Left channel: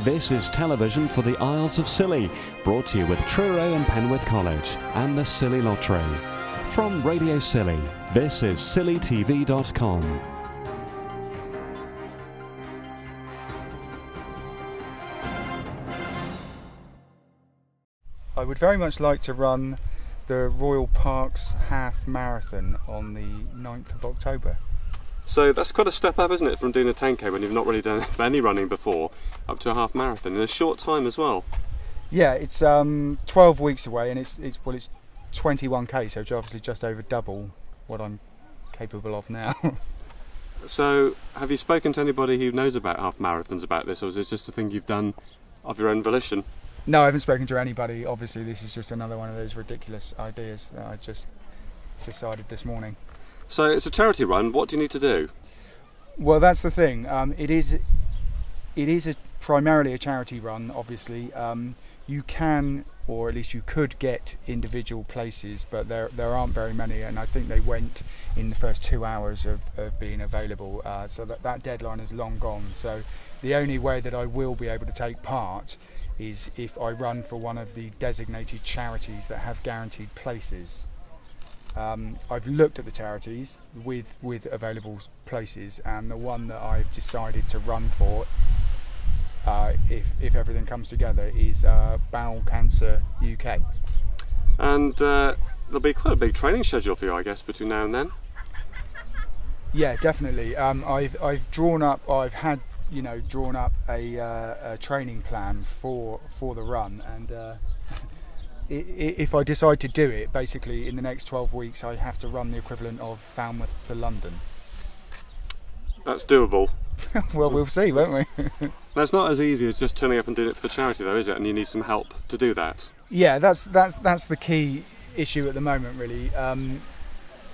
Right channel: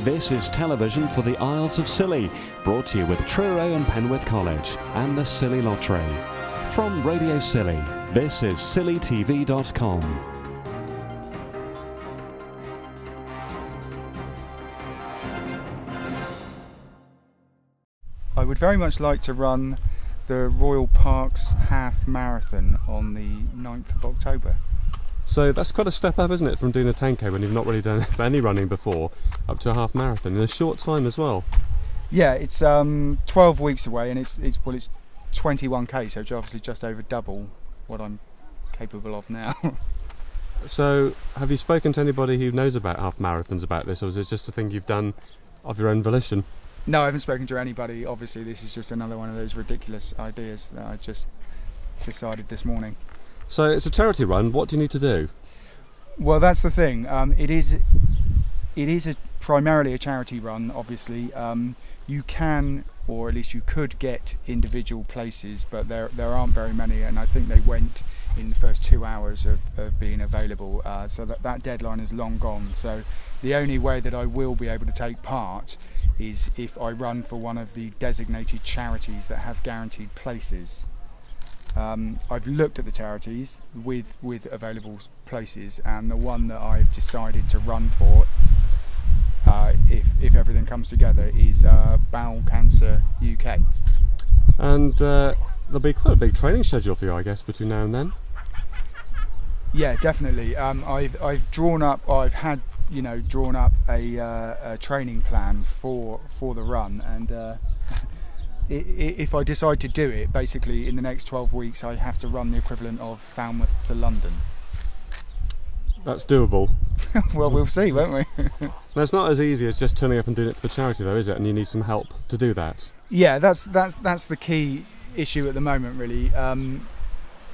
This is television for the Isles of Scilly, brought to you with Truro and Penwith College and the Scilly Lottery. From Radio Scilly, this is scillytv.com. I would very much like to run the Royal Parks Half Marathon on the 9th of October. So that's quite a step up, isn't it, from doing a 10k when you've not really done any running before, up to a half marathon in a short time as well. Yeah, it's 12 weeks away, and it's 21k, so it's obviously just over double what I'm capable of now. So have you spoken to anybody who knows about half marathons about this, or is it just a thing you've done of your own volition? No, I haven't spoken to anybody. Obviously, this is just another one of those ridiculous ideas that I just decided this morning. So it's a charity run. What do you need to do? Well, that's the thing. It is primarily a charity run. Obviously, you can, or at least you could, get individual places, but there aren't very many, and I think they went in the first 2 hours of being available. So that deadline is long gone. So the only way that I will be able to take part is if I run for one of the designated charities that have guaranteed places. I've looked at the charities with available places, and the one that I've decided to run for, if everything comes together, is Bowel Cancer UK. And there'll be quite a big training schedule for you, I guess, between now and then. Yeah, definitely. I've drawn up a training plan for the run, and if I decide to do it, basically in the next 12 weeks I have to run the equivalent of Falmouth to London. That's doable. Well, we'll see, won't we? That's not as easy as just turning up and doing it for the charity, though, is it? And you need some help to do that. Yeah, that's the key issue at the moment, really.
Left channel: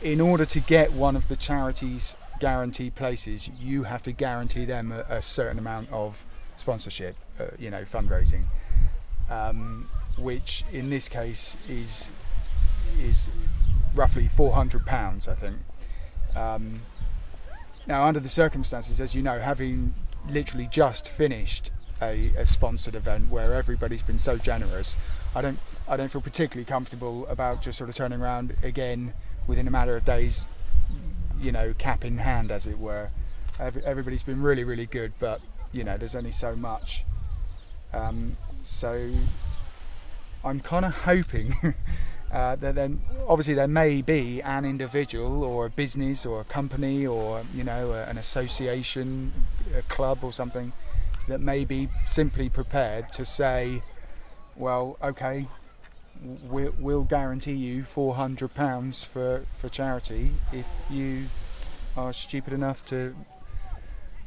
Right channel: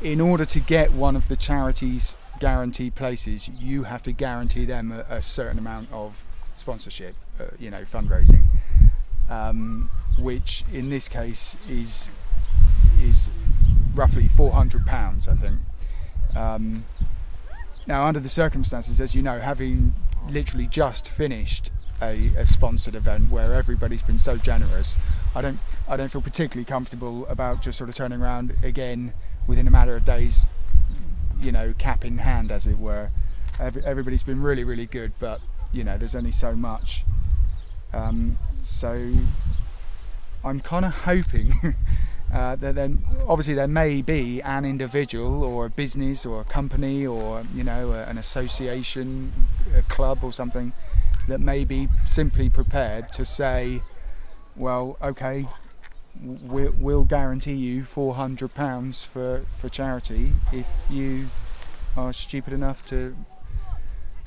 In order to get one of the charities' guaranteed places, you have to guarantee them a certain amount of sponsorship, fundraising. Which in this case is roughly £400, I think. Now, under the circumstances, as you know, having literally just finished a sponsored event where everybody's been so generous, I don't feel particularly comfortable about just sort of turning around again within a matter of days, cap in hand, as it were. Everybody's been really, really good, but there's only so much. So I'm kind of hoping that then, obviously, there may be an individual or a business or a company or an association, a club or something that may be simply prepared to say, well, okay, we'll guarantee you £400 for charity if you are stupid enough to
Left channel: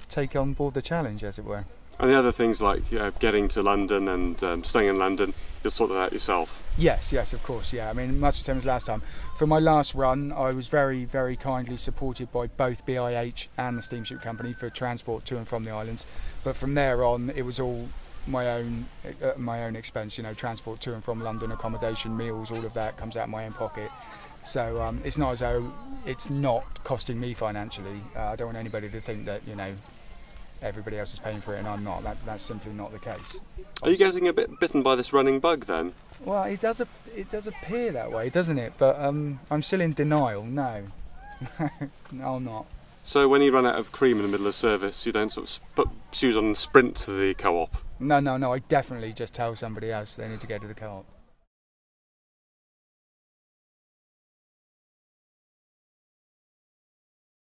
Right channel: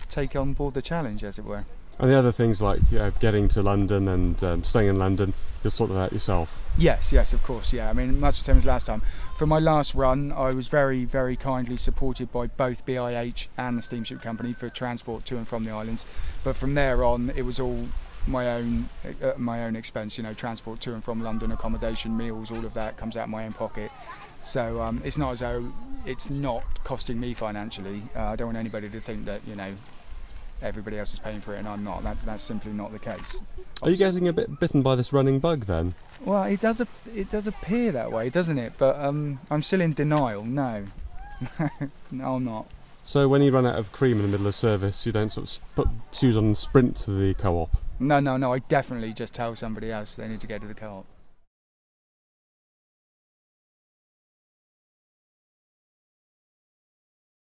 take on board the challenge, as it were. And the other things like getting to London and staying in London, you'll sort that out yourself? Yes, of course, yeah. I mean, much the same as last time. For my last run, I was very, very kindly supported by both BIH and the steamship company for transport to and from the islands. But from there on, it was all my own expense. Transport to and from London, accommodation, meals, all of that comes out of my own pocket. So it's not as though it's not costing me financially. I don't want anybody to think that everybody else is paying for it and I'm not. That's simply not the case. Are you getting a bit bitten by this running bug then? Well, it does appear that way, doesn't it? But I'm still in denial. No, no, I'm not. So when you run out of cream in the middle of service, you don't sort of put shoes on and sprint to the co-op? No. I definitely just tell somebody else they need to go to the co-op.